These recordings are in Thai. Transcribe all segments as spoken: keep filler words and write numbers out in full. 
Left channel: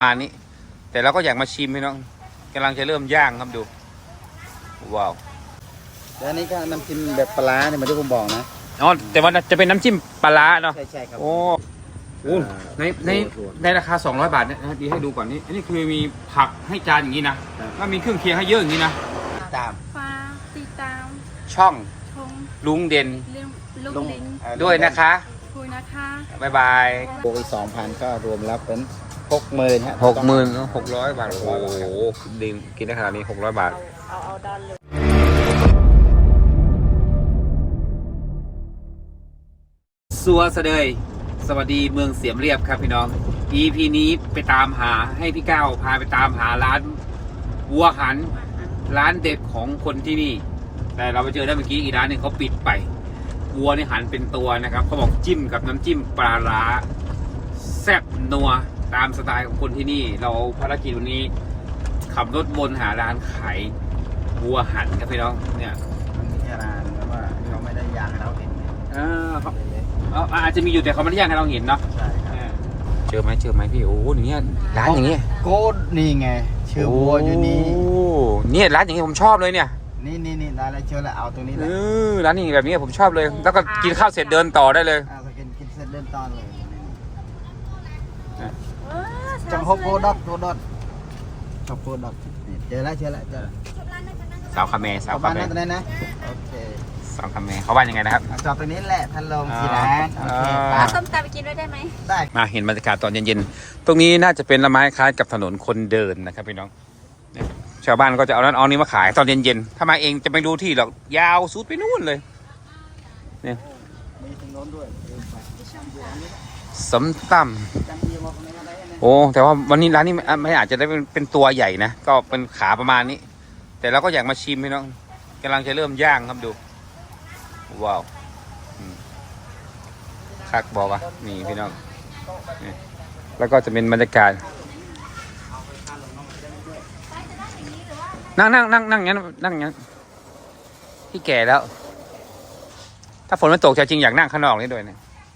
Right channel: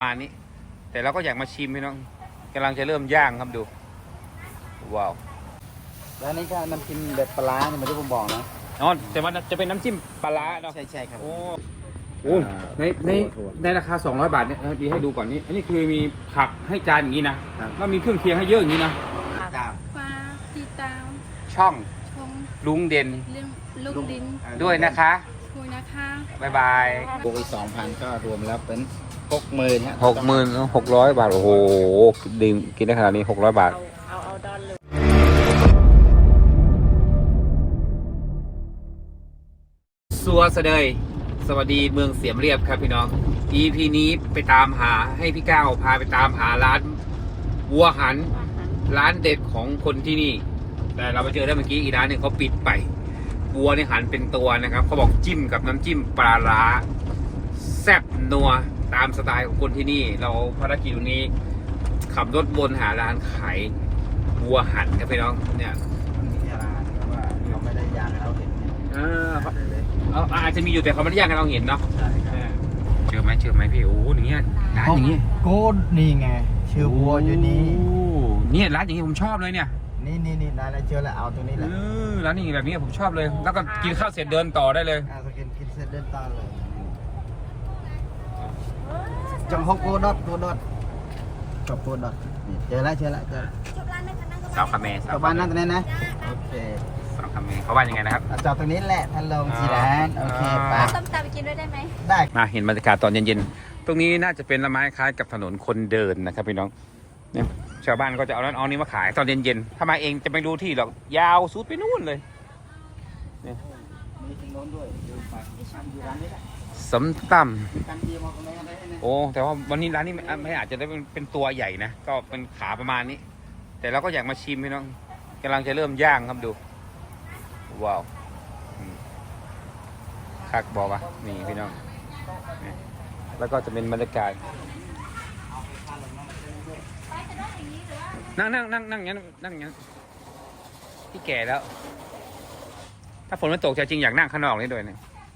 อันนี้แต่เราก็อยากมาชิมพี่น้องกำลังจะเริ่มย่างครับดูว้าวแล้วอันนี้ก็น้ำจิ้มแบบปลาเนี่ยมันที่ผมบอกนะอ๋อแต่ว่าจะเป็นน้ำจิ้มปลาเนาะใช่ใช่ครับโอ้โหในในในราคาสองร้อยบาทเนี่ยดีให้ดูก่อนนี่อันนี้คือมีผักให้จานอย่างนี้นะแล้วมีเครื่องเคียงให้เยอะอย่างนี้นะตามฟ้าตีตามช่องชงลุงเด่นเรื่องลูกลิ้นด้วยนะคะคุยนะคะบายบายบวกอีกสองพันก็รวมแล้วเป็นหกหมื่นฮะหกหมื่นหกร้อยบาทโอ้โหดีกินได้ขนาดนี้หกร้อยบาทเอาเอาดอนเลยสัวเสดยสวัสดีเมืองเสียมเรียบครับพี่น้อง อี พี นี้ไปตามหาให้พี่ก้าวพาไปตามหาร้านวัวหันร้านเด็ดของคนที่นี่แต่เราไปเจอได้เมื่อกี้อีกร้านนึงเขาปิดไปวัวนี่หันเป็นตัวนะครับเขาบอกจิ้มกับน้ำจิ้มปลาร้าแซ่บนัวตามสไตล์ของคนที่นี่เราภารกิจวันนี้ขับรถวนหาร้านขายวัวหันครับพี่น้องเนี่ยนี่นะแต่ว่าเราไม่ได้ยางเราเห็นเอออาจจะมีอยู่แต่เขาไม่ได้ย่างให้เราเห็นเนาะเจอไหมเจอไหมพี่โอ้โหอย่างเงี้ยร้านอย่างเงี้ยโก้นี่ไงชื่อวัวอยู่นี่เนี่ยร้านอย่างเงี้ยผมชอบเลยเนี่ยนี่นี่นี่ร้านอะไรเจอแล้วเอาตรงนี้เลยร้านนี้แบบนี้ผมชอบเลยแล้วก็กินข้าวเสร็จเดินต่อได้เลยเอากินกินเสร็จเดินต่อเลยจังฮกโกดอกโกดอกจบโกดอกเจอแล้วเจอแล้วเจอแล้วสาวคาเมสาวคาเมนั่งตรงนี้นะโอเคสาวคาเมเขาว่ายังไงนะครับจอดตรงนี้แหละท่านลงสีแดงโอเคปลาต้มตำไปกินด้วยได้ไหมได้มาเห็นบรรยากาศตอนเย็นๆตรงนี้น่าจะเป็นละไม้คล้ายกับถนนคนเดินนะครับพี่น้องชาวบ้านก็จะเอานั้นเอานี้มาขายตอนเย็นๆถ้ามาเองจะไม่รู้ที่หรอกยาวสุดไปนู่นเลยเนี่ยมีทางโน้นด้วยสำตำโอ้แต่ว่าวันนี้ร้านนี้ไม่อาจจะได้เป็นเป็นตัวใหญ่นะก็เป็นขาประมาณนี้แต่เราก็อยากมาชิมพี่น้องกำลังจะเริ่มย่างครับดูว้าวคักบอกว่านี่พี่น้องแล้วก็จะเป็นบรรยากาศนั่งนั่งนั่งนั่งงั้นนั่งงั้นพี่แก่แล้วถ้าฝนมันตกจริงอยากนั่งข้างนอกนี่ด้วยเนี่ย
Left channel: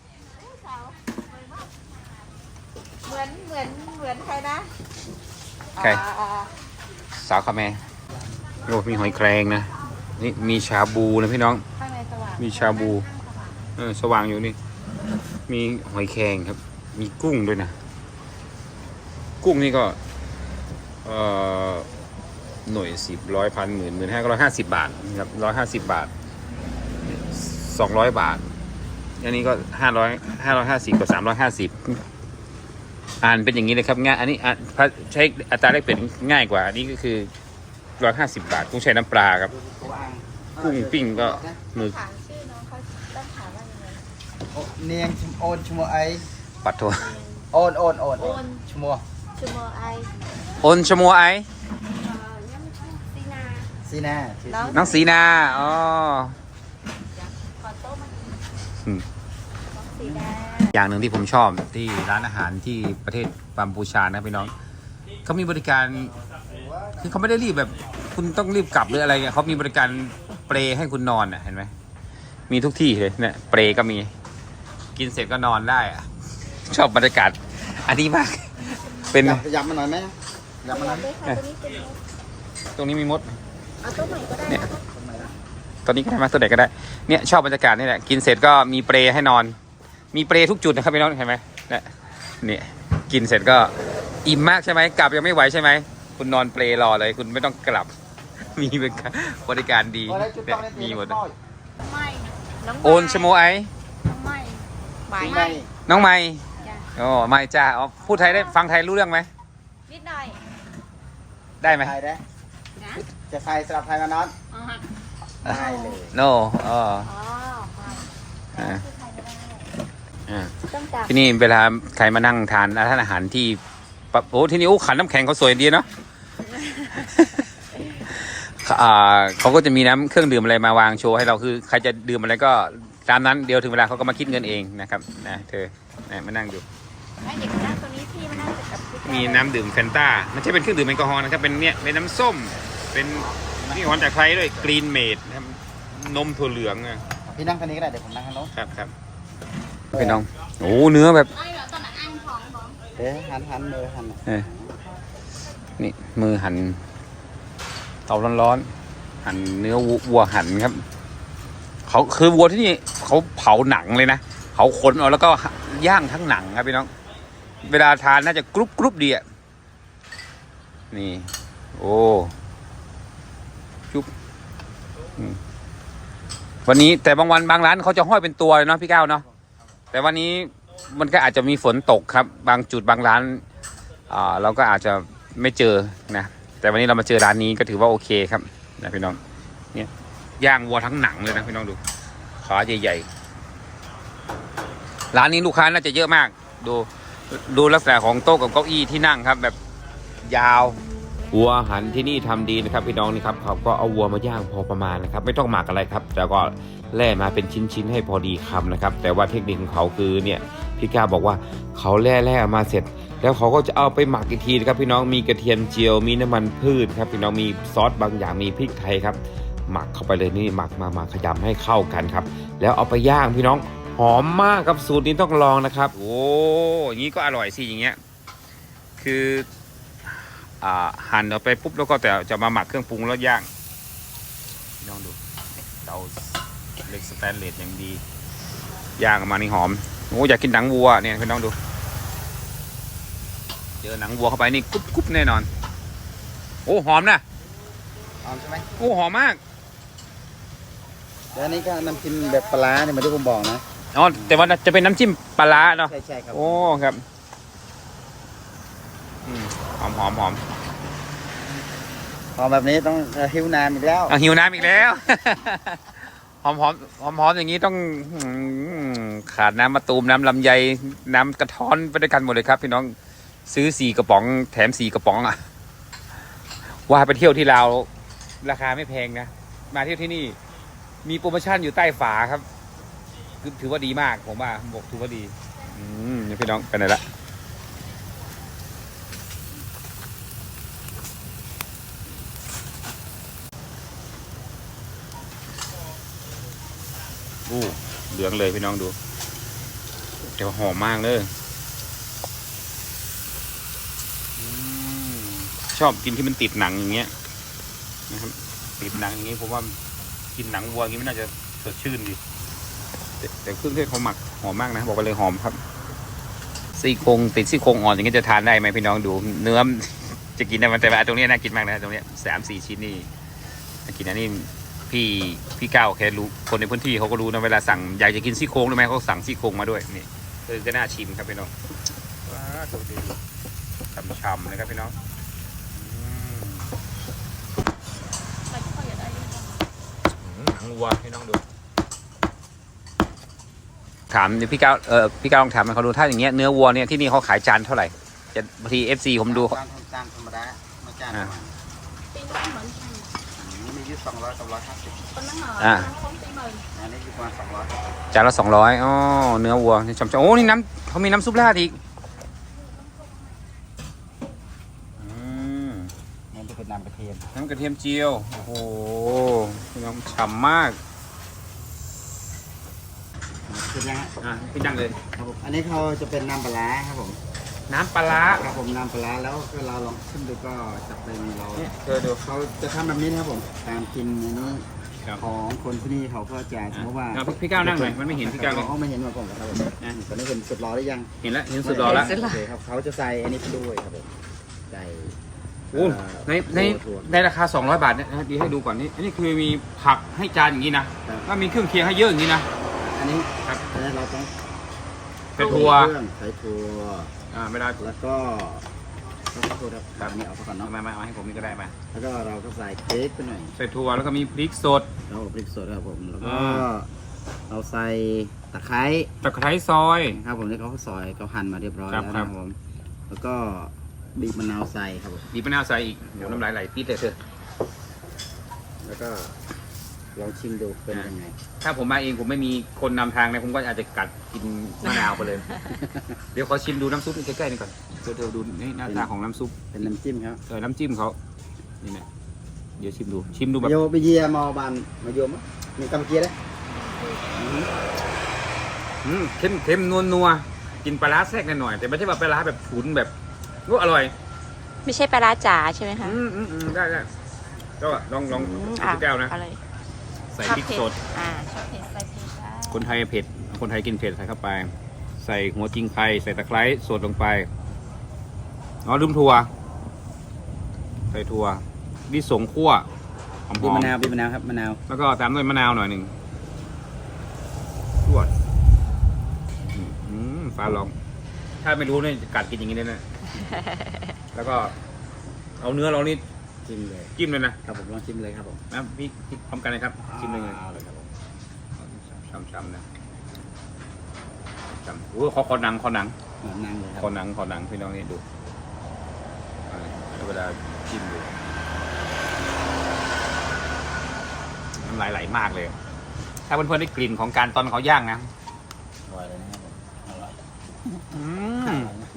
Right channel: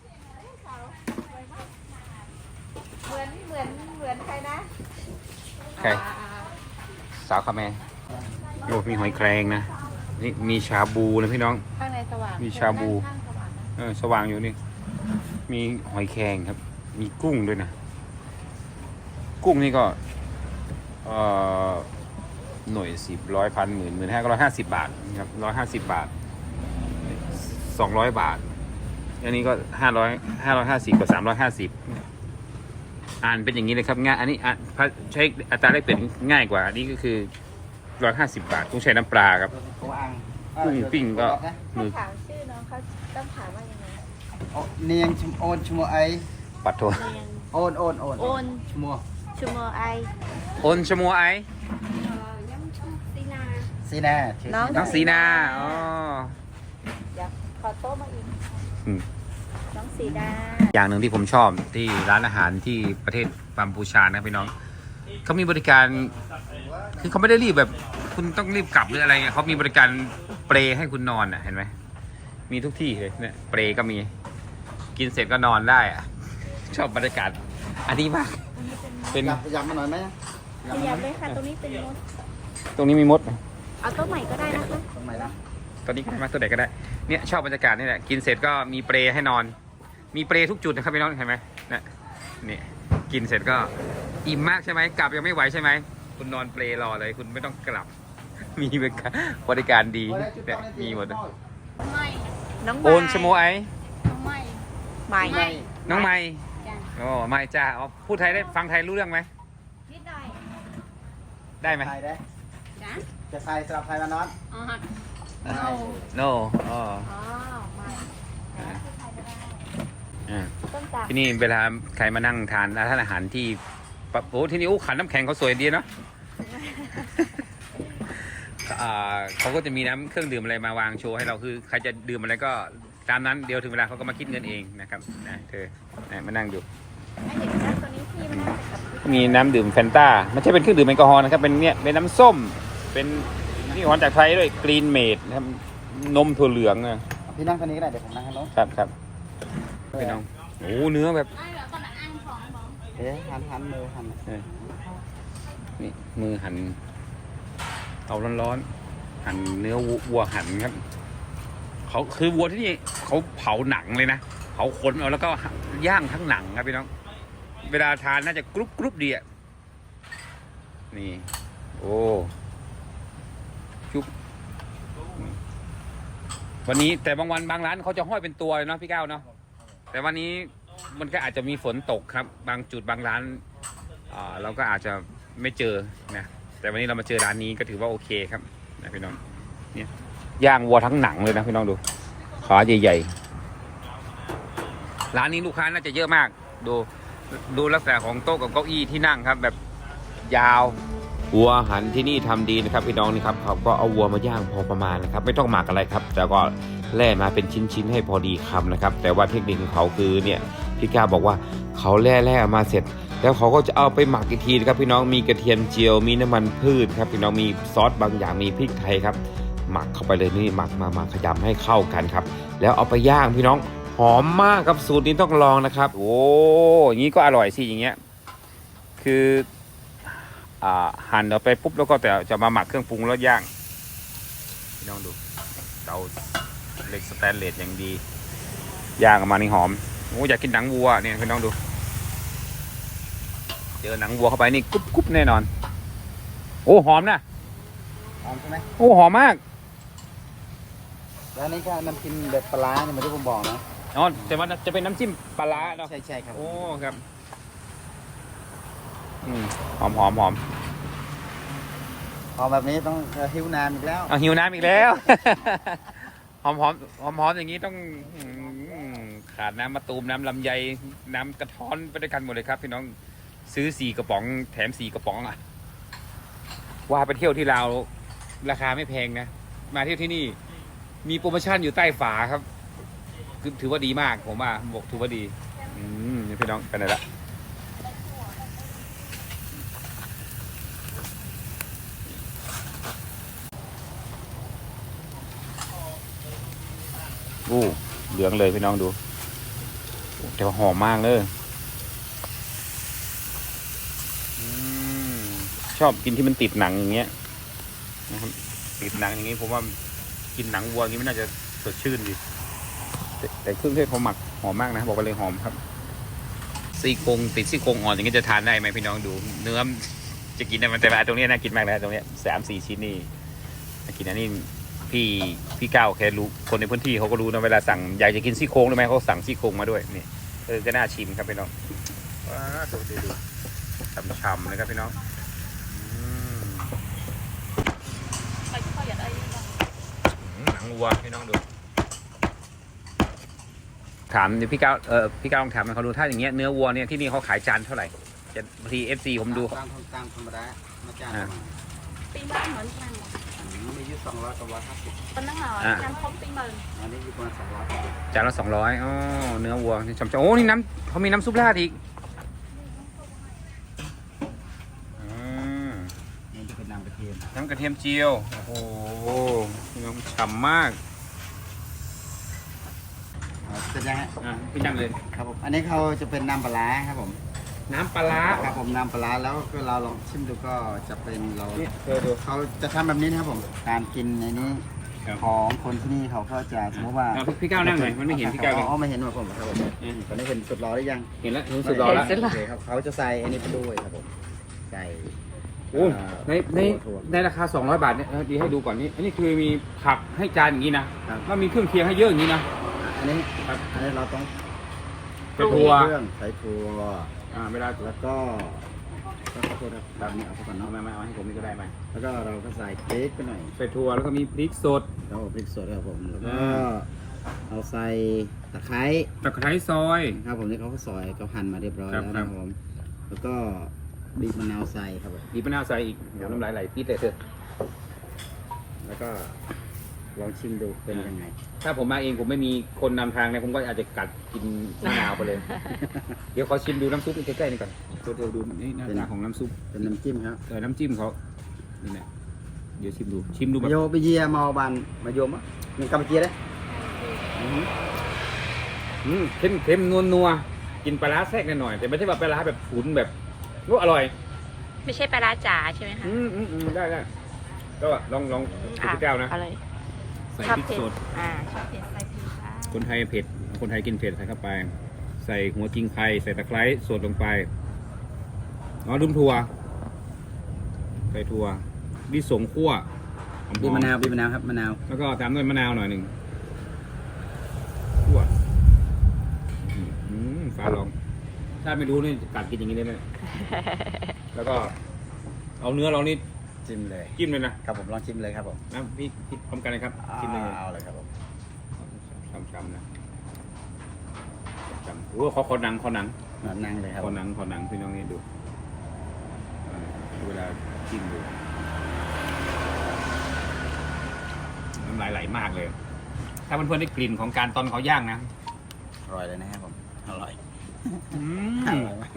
เหมือนเหมือนเหมือนใครนะใครสาวคาแมโอ้มีหอยแครงนะนี่มีชาบูนะพี่น้องข้างในสว่างมีชาบูเออสว่างอยู่นี่มีหอยแครงครับมีกุ้งด้วยนะกุ้งนี่ก็เอ่อหน่วยสิบร้อยพันหมื่นหมื่นห้าก็ร้อยห้าสิบบาทครับร้อยห้าสิบบาทสองร้อยบาทอันนี้ก็ห้าร้อยห้าร้อยห้าสิบกับสามร้อยห้าสิบอ่านเป็นอย่างนี้เลยครับง่ายอันนี้ใช้อัตราแลกเปลี่ยนง่ายกว่าอันนี้ก็คือร้อยห้าสิบบาทกุ้งใช้น้ำปลาครับกุ้งปิ้งก็มือเนียงชมโอนชมไอปัดโทโอนโอนโอนโอนชมัวชมัวไอโอนชมัวไอสีนาน้องสีนาอ๋ออย่างหนึ่งที่ผมชอบที่ร้านอาหารที่ประเทศกัมพูชานะพี่น้องเขามีบริการคือเขาไม่ได้รีบแบบคุณต้องรีบกลับหรืออะไรเงี้ยเขามีบริการเปรให้คุณนอนอ่ะเห็นไหมมีทุกที่เลยเนี่ยเปรก็มีกินเสร็จก็นอนได้อ่ะชอบบรรยากาศอันนี้มากเป็นยำมันหน่อยไหมยำมันนั้นตรงนี้มีมดเอาตัวใหม่ก็ได้นะตอนนี้ก็ได้มาตัวไหนก็ได้เนี่ยชอบบรรยากาศนี่แหละกินเสร็จก็มีเปรให้นอนมีเปรทุกจุดนะครับพี่น้องเห็นไหมเนี่ยนี่กินเสร็จก็อิ่มมากใช่ไหมกลับยังไม่ไหวใช่ไหมคุณนอนเปรรอเลยคุณไม่ต้องกลับมีบริการดีเนี่ยมีหมดโอนชโมไอน้องไม่ไม่น้องไม่โอ้ไม่จ้าพูดไทยได้ฟังไทยรู้เรื่องไหมนิดหน่อยได้ไหมได้จะใครสำหรับใครมานอนโนอ๋อที่นี่เวลาใครมานั่งทานร้านอาหารที่โอ้ที่นี่โอ้ขันน้ำแข็งเขาสวยดีเนาะเขาก็จะมีน้ำเครื่องดื่มอะไรมาวางโชว์ให้เราคือใครจะดื่มอะไรก็ตามนั้นเดี๋ยวถึงเวลาเขาก็มาคิดเงินเองนะครับนะเธอมานั่งดูมีน้ำดื่มแฟนต้าไม่ใช่เป็นเครื่องดื่มแอลกอฮอล์นะครับเป็นเนี่ยเป็นน้ำส้มเป็นนี่หวานจากไทยด้วยกรีนเมดนะครับนมถั่วเหลืองอ่ะพี่นั่งกันนี้ก็ได้เดี๋ยวผมนั่งข้างโน้นครับครับพี่น้องโอ้เนื้อแบบเอ๊ะหันหันมือหันเออนี่มือหั่นเตาร้อนๆหั่นเนื้อวัวหั่นครับเขาคือวัวที่นี่เขาเผาหนังเลยนะเผาขนเอาแล้วก็ย่างทั้งหนังครับพี่น้องเวลาทานน่าจะกรุบกรุบดีอ่ะนี่โอ้จุ๊บวันนี้แต่บางวันบางร้านเขาจะห้อยเป็นตัวเลยเนาะพี่ก้าวเนาะแต่วันนี้มันก็อาจจะมีฝนตกครับบางจุดบางร้านอ่าเราก็อาจจะไม่เจอนะแต่วันนี้เรามาเจอร้านนี้ก็ถือว่าโอเคครับนะพี่น้องเนี่ยย่างวัวทั้งหนังเลยนะพี่น้องดูขาใหญ่ๆร้านนี้ลูกค้าน่าจะเยอะมากดูดูลักษณะของโต๊ะกับเก้าอี้ที่นั่งครับแบบยาววัวหันที่นี่ทำดีนะครับพี่น้องนี่ครับเขาก็เอาวัวมาย่างพอประมาณนะครับไม่ต้องหมักอะไรครับแต่ก็แล่มาเป็นชิ้นๆให้พอดีคำนะครับแต่ว่าเทคนิคของเขาคือเนี่ยพี่ก้าบอกว่าเขาแล่แล่มาเสร็จแล้วเขาก็จะเอาไปหมักอีกทีนะครับพี่น้องมีกระเทียมเจียวมีน้ำมันพืชครับพี่น้องมีซอสบางอย่างมีพริกไทยครับหมักเข้าไปเลยนี่หมักมามาขยำให้เข้ากันครับแล้วเอาไปย่างพี่น้องหอมมากครับสูตรนี้ต้องลองนะครับโอ้อย่างนี้ก็อร่อยสิอย่างเงี้ยคืออ่าหั่นเอาไปปุ๊บแล้วก็แต่จะมาหมักเครื่องปรุงแล้วย่างพี่น้องดูเตาเหล็กสแตนเลสอย่างดีย่างออกมานี่หอมโอ้อยากกินหนังวัวเนี่ยพี่น้องดูเจอหนังวัวเข้าไปนี่กรุบกรุบแน่นอนโอ้หอมนะหอมใช่ไหมโอ้หอมมากแล้วอันนี้ก็น้ำจิ้มแบบปลาร้าเนี่ยเหมาที่ผมบอกนะอ๋อแต่ว่าจะเป็นน้ำจิ้มปลาร้าเนาะใช่ใช่ครับโอ้ครับอืมหอมหอมหอมหอมแบบนี้ต้องเอ่อหิวนานอีกแล้วเอาหิวน้ำอีกแล้ว หอมหอมหอมหอมอย่างนี้ต้องอืมขาดน้ำมะตูมน้ำลำไยน้ำกระท้อนไปด้วยกันหมดเลยครับพี่น้องซื้อสี่กระป๋องแถมสี่กระป๋องอะว่าไปเที่ยวที่ลาวราคาไม่แพงนะมาเที่ยวที่นี่มีโปรโมชั่นอยู่ใต้ฝาครับคือถือว่าดีมากผมว่าบอกถือว่าดีอืมนี่พี่น้องไปไหนละอู้เหลืองเลยพี่น้องดูแต่ว่าหอมมากเลยอืมชอบกินที่มันติดหนังอย่างเงี้ยนะครับติดหนังอย่างงี้ผมว่ากินหนังวัวอย่างงี้ไม่น่าจะสดชื่นดีแต่แต่เครื่องเทศเขาหมักหอมมากนะบอกไปเลยหอมครับซี่โครงติดซี่โครงอ่อนอย่างงี้จะทานได้ไหมพี่น้องดูเนื้อจะกินได้ไหมแต่ว่าตรงนี้น่ากินมากเลยตรงนี้สามสี่ชิ้นนี่น่ากินอันนี้พี่พี่ก้าวแค่รู้คนในพื้นที่เขาก็รู้นะเวลาสั่งอยากจะกินซี่โครงได้ไหมเขาสั่งซี่โครงมาด้วยนี่เออก็น่าชิมครับพี่น้องว้าดูดูดูช่ำๆเลยครับพี่น้องหนังวัวพี่น้องดูถามพี่ก้าวเออพี่ก้าวลองถามเขาดูถ้าอย่างเงี้ยเนื้อวัวเนี่ยที่นี่เขาขายจานเท่าไหร่จะบางทีเอฟซีผมดูตามตามธรรมดาไม่จ้างอ่าปีนั้นเหมือนกันนี่มีอยู่สองร้อยสองร้อยห้าสิบตอนนั้นเหรออ่ายังครบปีหมื่นอันนี้อยู่ประมาณสองร้อยจานละสองร้อยอ๋อเนื้อวัวนี่ช่ำๆโอ้นี่น้ำเขามีน้ำซุปราดอีกอืมนี่จะเป็นน้ำกระเทียมน้ำกระเทียมเจียวโอ้โหพี่น้องฉ่ำมากเสร็จยังฮะอ่ะพี่จังเลยครับผมอันนี้เขาจะเป็นน้ำปลาร้าครับผมน้ำปลาร้าครับผมน้ำปลาร้าแล้วคือเราลองชิมดูก็จะเป็นเรานี่เธอดูเขาจะทำแบบนี้นะครับผมการกินในนี้ครับของคนที่นี่เขาก็จะสมมติว่าเอาพี่พี่ก้าวนั่งหน่อยมันไม่เห็นพี่ก้าวเลยอ๋อไม่เห็นว่าผมครับผมตอนนี้เห็นสุดรอหรือยังเห็นแล้วเห็นสุดยอดแล้วโอเคครับเขาจะใส่อันนี้ไปด้วยครับผมใส่โอ้ในในถั่วในราคาสองร้อยบาทเนี่ยดีให้ดูก่อนนี่อันนี้คือมีผักให้จานอย่างนี้นะแล้วมีเครื่องเคียงให้เยอะอย่างนี้นะอันนี้ครับอันนี้เราต้องเป็นถั่วเครื่องใส่ถั่วอ่าไม่ได้แล้วก็ก็ขอโทษครับอันนี้เอาไปก่อนเอาเนาะมามาเอาให้ผมนี่ก็ได้มาแล้วก็เราก็ใส่พริกไปหน่อยใส่ถั่วแล้วก็มีพริกสดแล้วก็พริกสดครับผมแล้วก็อ่าเอาใส่ตะไคร้ตะไคร้ซอยครับผมนี่เขาก็ซอยเขาหั่นมาเรียบร้อยครับแล้วครันะบครับผมแล้วก็บีบมะนาวใส่ครับผมบีบมะนาวใส่อีกเดี๋ยวน้ำลายไหลปี๊ดเลยเถอะแล้วก็ลองชิมดูเป็นยังไงถ้าผมมาเองผมไม่มีคนนำทางนะผมก็อาจจะกัดกินมะนาวไปเลย เดี๋ยวขอชิมดูน้ำซุปใกล้ๆนี่ก่อนเดี๋ยวดูนี่หน้าตาของน้ำซุปเป็นน้ำจิ้มครับเออน้ำจิ้มเขานี่แหละเดี๋ยวชิมดูชิมดูแบบโยไปเยียมาบานมาโยมอ่ะมีกัมพูชีได้อืมเข้มเข้มนัวนัวกินปลาร้าแทรกหน่อยๆแต่ไม่ใช่ว่าปลาร้าแบบฉุนแบบรู้อร่อยไม่ใช่ปลาร้าจ๋าใช่ไหมคะอืมอืมอืมได้ได้ก็ลองลองอืมกินสักแก้วนะอะไรใส่ชอบพริกเผ็ดสดอ่าชอบเผ็ดใส่พริกได้คนไทยเผ็ดคนไทยกินเผ็ดใส่เข้าไป ใส่หัวจิงไคใส่ตะไคร้สดลงไปอ๋อลืมถั่วใส่ถั่วดิสงคั่วหอมบีบมะนาวบีบมะนาวครับมะนาวๆแล้วก็ตามด้วยมะนาวหน่อยหนึ่งรวดอืมฟ้าลอง ถ้าไม่รู้เนี่ยกัดกินอย่างนี้เลยนะ แล้วก็เอาเนื้อเรานี่จิ้มเลยจิ้มเลยนะครับผมลองชิมเลยครับผมนะพี่พี่พร้อมกันเลยครับจิ้มเลยเอาเลยครับผมช้ำๆนะช้ำๆโอ้ขอขอหนังขอหนังหนอนนั่งเลยครับขอหนังขอหนังพี่น้องนี่ดูอ่าแล้วเวลาจิ้มดูน้ำลายไหลมากเลย ถ้าเพื่อนๆได้กลิ่นของการตอนเขาย่างนะอร่อยเลยนะครับผมอร่อยอือมร่อยมาก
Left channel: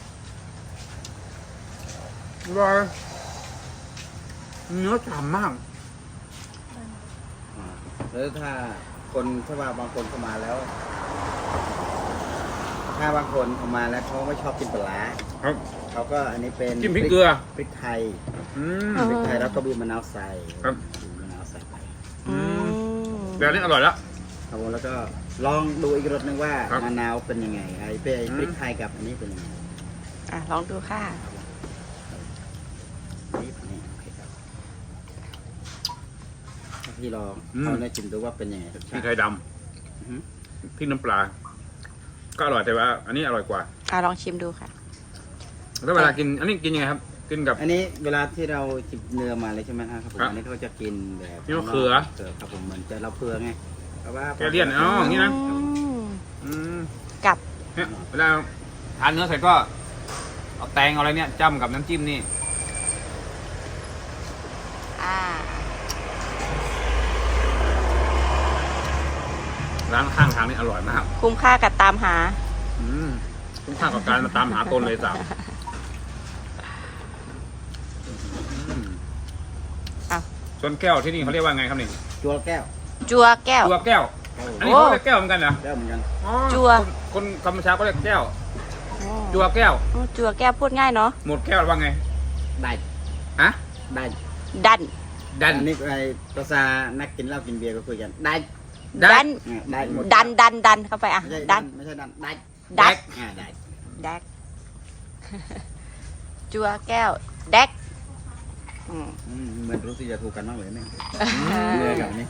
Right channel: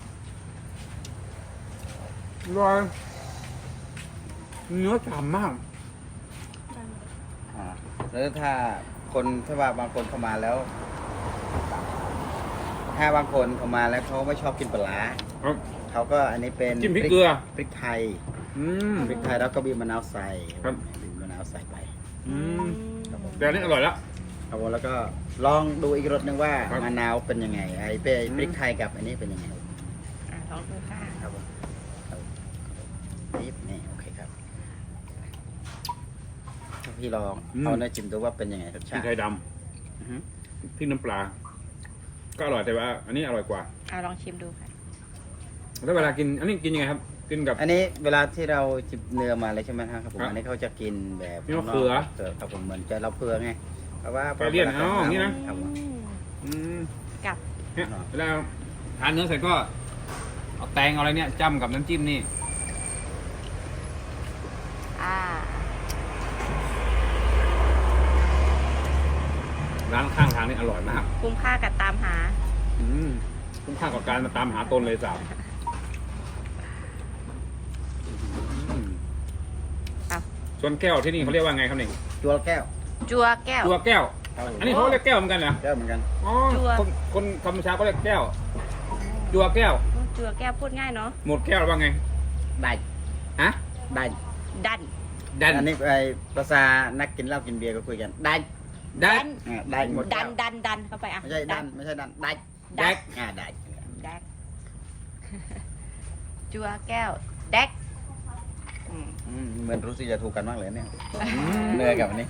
อร่อยเนื้อฉ่ำมากอ่าแล้วถ้าคนถ้าว่าบางคนเข้ามาแล้ว ถ้าบางคนเข้ามาแล้วเขาไม่ชอบกินปลาร้าครับเขาก็อันนี้เป็นจิ้มพริกเกลือพริกไทยอืมพริกไทยแล้วก็บีบมะนาวใส่ครับบีบมะนาวใส่ไปอืมแบบนี้อร่อยแล้วครับผมแล้วก็ลองดูอีกรสหนึ่งว่าครับมะนาวเป็นยังไงไอ้เป็นอืมพริกไทยกับอันนี้เป็นยังไงอ่ะลองดูค่ะครับผมครับนี่นี่โอเคครับพี่ลองเอาเนื้อจิ้มดูว่าเป็นยังไงรสพริชาก ติไทยดอือฮึำพริกน้ำปลา ก็อร่อยแต่ว่า อันนี้อร่อยกว่าอ่ะลองชิมดูค่ะแล้วเวลากิน อันนี้กินยังไงครับ กินกับอันนี้เวลาที่เราจิบเนื้อมาเลยใช่ไหมครับผมครับอันนี้เขาจะกินแบบนี่มะเขือเขือครับผมเหมือนจะเราเผือไงเพราะว่าแกเลี่ยนอ๋ออย่างนี้นะครับผมอืมอืมกับเนี่ยเวลาทานเนื้อเสร็จก็เอาแตงเอาอะไรเนี่ยจ้ำกับน้ำจิ้มนี่อ่าร้านข้างทางนี่อร่อยมากคุ้มค่ากับตามหาอืมคุ้มค่ากับการมาตามหาตนเลยสาวอืมอ้าวชนแก้วที่นี่เขาเรียกว่าไงครับนี่จัวแก้วจัวแก้วตัวแก้วครับผมอันนี้เขาเรียกแก้วเหมือนกันเหรอแก้วเหมือนกันอ๋อจั่วคนคนธรรมชาติก็เรียกแก้ว จัวแก้วอืมจัวแก้วพูดง่ายเนาะหมดแก้วว่าไงได้ฮะได้ดันดันอันนี้ไอภาษานักกินเหล้ากินเบียร์ก็คุยกันได้ดัดันนอ่าได้หมดดันดันดันเข้าไปอ่ะไม่ใช่ดัดันนไม่ใช่ดันได้ดักอ่าได้แดก จัวแก้วแดกอืมอืมเหมือนรู้สึกจะถูกกันมากเลยเนี่ยเนื้อกับอันนี้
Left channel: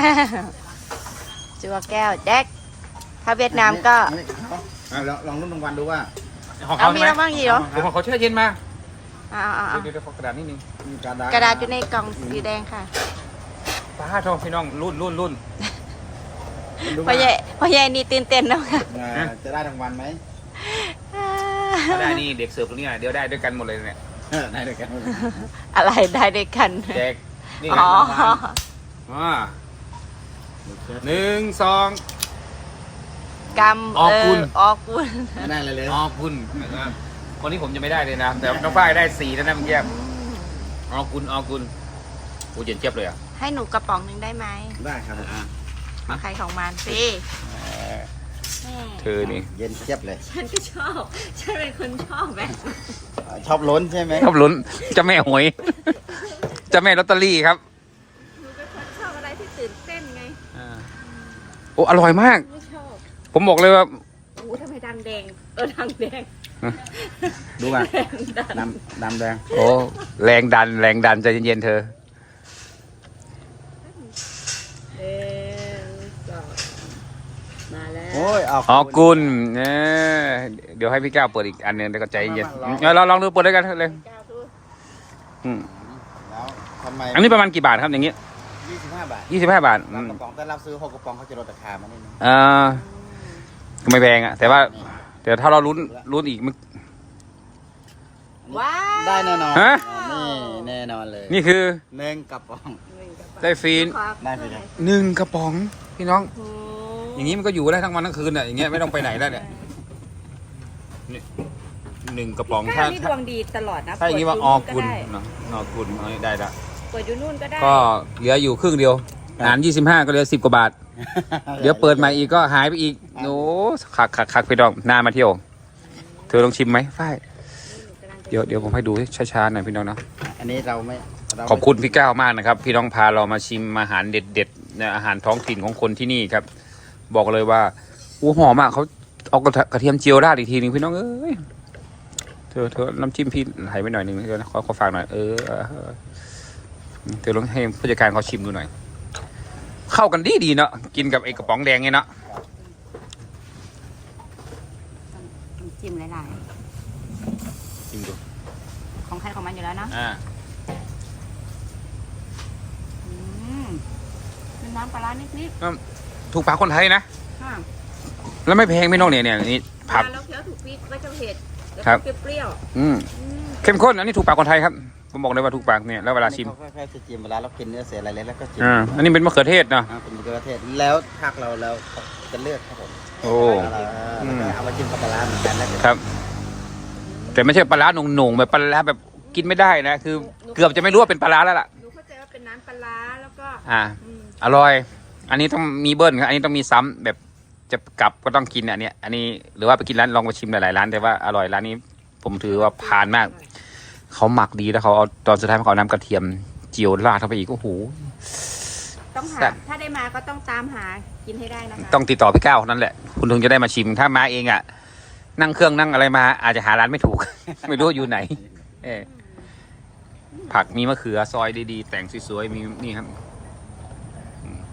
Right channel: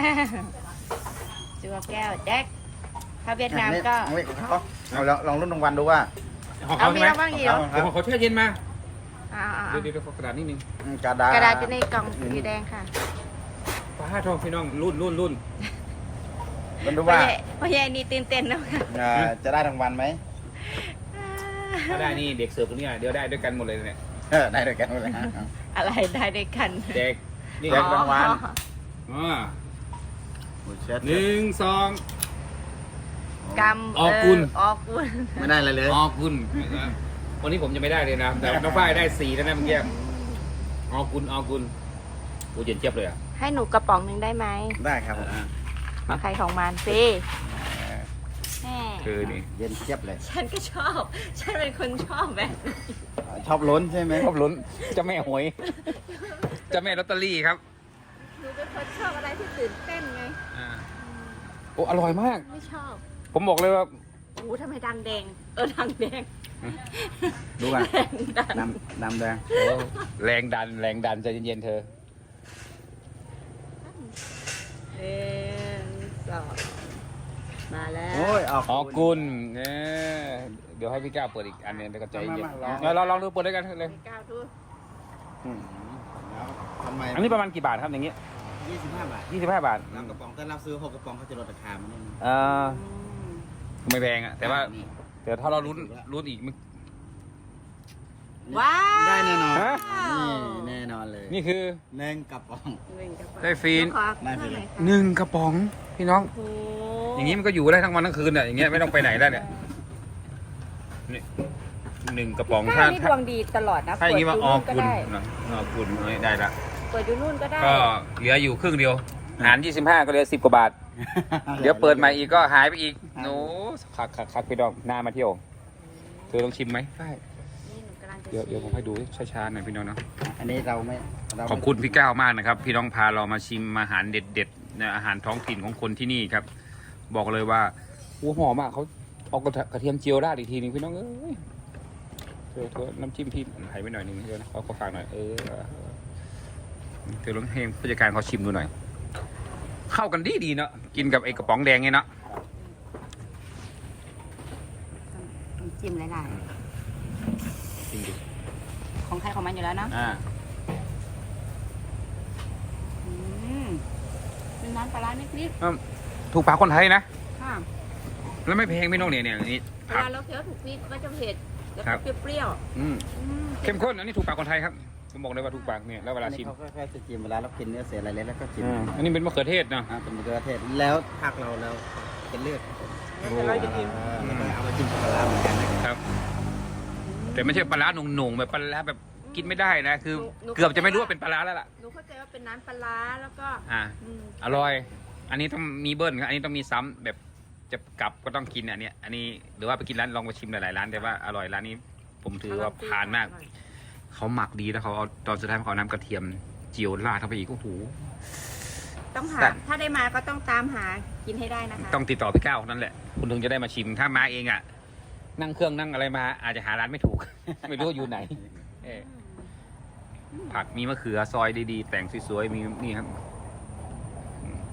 จัวแก้วแดกถ้าเวียดนามก็อันนี้เอาเอาลองลองรุ่นรางวัลดูว่าของเอาเขามีใช่ไหมแล้วบ้างอีกเหรอผมเขาแช่เย็นมาอ่าอ่าเดี๋ยวเดี๋ยวขอกระดาษนิดนึงกระดาษกระดาษอยู่ในกล่องสีแดงค่ะป้าโทษพี่น้องรุ่นรุ่นรุ่นมันดูพ่อว่าใหญ่พ่อใหญ่นี่ตื่นเต้นแล้วค่ะอ่าจะได้รางวัลไหมถ้าได้นี่เด็กเสิร์ฟตรงนี้เดี๋ยวได้ด้วยกันหมดเลยเนี่ยเออได้ด้วยกันหมดเลยฮะอะไรได้ด้วยกันแจกนี่อ๋ไงอรางวัลอ่าหนึ่งสองกำออกกุลเออกกุลไม่ได้อะไรเลยอ๋อคุณนะครับคนนี้ผมจะไม่ได้เลยนะ แต่น้องฝ้ายได้สี่แล้วนะเมื่อกี้อ๋อคุณอ๋อคุณโอ้เย็นเจี๊ยบเลยอ่ะให้หนูกระป๋องหนึ่งได้ไหมได้ครับผมของใครของมันสิเธอนี่เย็นเจี๊ยบเลยฉันก็ชอบ ฉันเป็นคนชอบแบบชอบล้นใช่ไหมชอบลุ้นเจะแม่หวยเจะแม่ลอตเตอรี่ครับหนูเป็นคนชอบอะไรที่ตื่นเต้นไงอ่าโอ้อร่อยมากไม่ชอบผมบอกเลยว่าโอ้ทำไมดังแดง เออดังแดงดูอ่ะแดงดังน้ำน้ำแดงโอ้แรงดันแรงดันใจเย็นๆเธอเออสองมาแล้วโอ้ยออกอ๋อกุลเนี่ยเดี๋ยวให้พี่ก้าวเปิดอีกอันหนึงเดี๋ยวก็ใจเย็นเราเราลองดูเปิดด้วยกันเลยก้าวดูอืมแล้วทำไมอันนี้ประมาณกี่บาทครับอย่างงี้ยี่สิบห้าบาทยี่สิบห้าบาทเรากระป๋องแต่เราซื้อหกกระป๋องเขาจะลดราคามานิดนึงอ่าก็ไม่แพงอะแต่ว่านี่แต่ถ้าเราลุ้นลุ้นอีกมันว้าวได้แน่นอนฮะนี่แน่นอนเลยนี่คือหนึ่งกระป๋องได้ฟรีได้ฟรีเลยหนึ่งกระป๋องพี่น้องโอ้อย่างนี้มันก็อยู่ได้ทั้งวันทั้งคืนอ่ะอย่างเงี้ยไม่ต้องไปไหนแล้วเนี่ยนี่หนึ่งกระป๋องก้าถ้าวนี่ดถ้าวงดีตลอดนะถ้าอย่างนี้ว่าออเปิกุดลยู่นู่นก็ได้เนาะออกุลเอาได้ละเปิดอยู่นู่นก็ได้ก็เหลืออยู่ครึ่งเดียวหารยี่สิบห้าก็เหลือสิบกว่าบาท เดี๋ยวเปิดใหม่อีกก็หายไปอีกโอ้คักคักคักพี่น้องน่ามาเที่ยวเธอลองชิมไหมฝ้ายนี่หนูกำลังจะเดี๋ยวเดี๋ยวผมให้ดูช้าๆหน่อยพี่น้องเนาะอันนี้เราไม่เราขอบคุณพี่ก้าวมากนะครับ พี่น้องพาเรามาชิมอาหารเด็ดๆนะอาหารท้องถิ่นของคนที่นี่ครับ บอกเลยว่าอู้หอมมากเขาเอากระกระเทียมเจียวราดอีกทีนึงพี่น้องเอ้ยเธอเธอน้ำจิ้มพี่ไหลไปหน่อยนึงเธอนะขอขอฝากหน่อยเออเธอลองให้ผู้จัดการเขาชิมดูหน่อย เข้ากันดีดีๆเนาะกินกับไอ้กระป๋องแดงไงเนาะต้องจิ้มหลายชิมดูๆของใครของมันอยู่แล้วเนาะอ่าอืมเป็นน้ำปลาร้านิดถูกปากคนไทยนะๆค่ะแล้วไม่แพงพี่น้องเนี่ยเนี่ยนี่เวผักลาเราเคี้ยวถูกพริกก็จะเผ็ดแล้วครัก็บเปรี้ยวอืมๆอืมเข้มข้นอันนี้ถูกปากคนไทยครับผมบอกเลยว่าถูกปากเนี่ยแล้วเวลาชิมค่อยๆจะจิ้มเวลาเรากินเนื้อเสียอะไรแล้วก็จิ้มอ่าอันนี้เป็นมะเขือเทศเนาะอ่าเป็นมะเขือเทศแล้วภาคเราเราจะเลือกครับผมโอ้เราเราเอาไปจิ้มกับปลาร้าเหมือนกันนะครับแต่ไม่ใช่ปลาร้าหน่งๆแบบปลาร้าแบบกินไม่ได้นะคือ เกือบจะไม่รู้ว่าเป็นปลาร้าแล้วล่ะหนูเข้าใจว่าเป็นน้ำปลาร้าแล้วก็อ่าอืมอร่อย อันนี้ต้องมีเบิ้ลครับอันนี้ต้องมีซ้ำแบบจะกลับก็ต้องกินอันเนี้ยอันนี้หรือว่าไปกินร้านลองไปชิมหลายๆร้านแต่ว่าอร่อยร้านนี้ ผมถือว่าผ่านมาก เขาหมักดีแล้วเขาเอาตอนสุดท้ายเขาเอาน้ำกระเทียมเจียวราดเข้าไปอีกโอ้โหต้องหาแต่ถ้าได้มาก็ต้องตามหากินให้ได้นะคะต้องติดต่อพี่ก้าวนั่นแหละ คุณถึงจะได้มาชิมถ้ามาเองอ่ะ นั่งเครื่องนั่งอะไรมา อาจจะหาร้านไม่ถูก ไม่รู้ว่าอยู่ไหนเออผักมีมะเขือซอยดีๆแต่งสวยๆมีนี่ครับอืม